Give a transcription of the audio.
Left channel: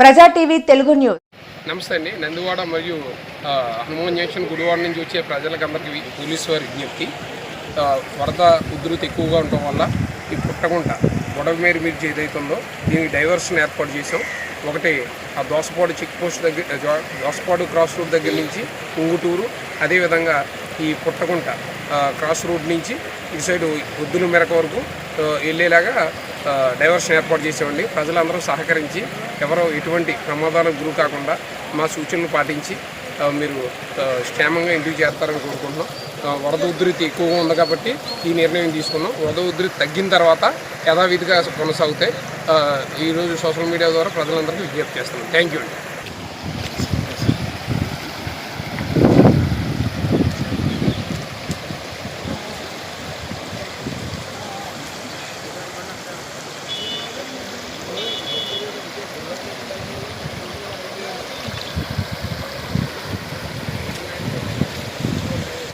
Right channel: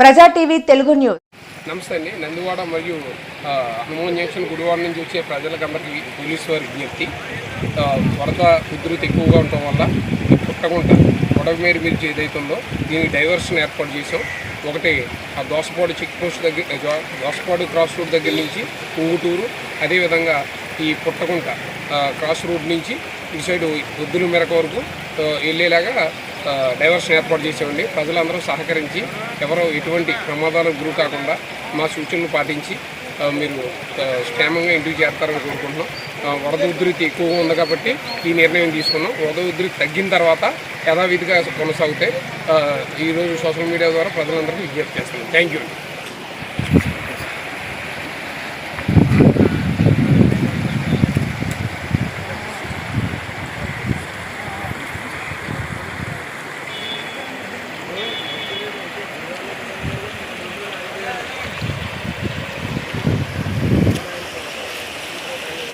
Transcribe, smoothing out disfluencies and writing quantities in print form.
ప్రజా TV Telugu news. నమస్తే అండి. నందివాడ మరియు హనుమాన్ జంక్షన్ గుడివాడ నుంచి వచ్చే ప్రజలకందరికీ పోలీసు వారి విజ్ఞప్తి. వరద ఉధృతి ఎక్కువగా ఉండటం వల్ల ఈ పుట్టగుంట గొడవమేరు మిర్చి ఏదైతుందో దీనికి డైవర్షన్ ఏర్పాటు చేసాం. ఒకటి ఆ దోసపాడు చెక్ పోస్ట్ దగ్గర, దోసపాడు క్రాస్ రోడ్ దగ్గర నుంచి ఉంగుటూరు, అదేవిధంగా ఈ పుట్టగుంట క్రాస్ రోడ్ నుంచి ఇటు సైడ్ ఒద్దుల మెరక వరకు వెళ్ళేలాగా డైవర్షన్ ఏర్పాటు చేసామండి. ప్రజలందరూ సహకరించి ఎవరో ఎటువంటి ప్రమాదాలకు గురి కాకుండా మా సూచనలు పాటించి మీరు క్షేమంగా ఇంటికి చేరతారని కోరుకుంటున్నాం. వరద ఉధృతి ఎక్కువగా ఉంది కాబట్టి ఈ నిర్ణయం తీసుకున్నాం. వరద ఉధృతి తగ్గిన తర్వాత యథావిధిగా కొనసాగుతాయి. ఈరోజు సోషల్ మీడియా ద్వారా ప్రజలందరికీ విజ్ఞప్తి చేస్తున్నాం. థ్యాంక్ యూ అండి.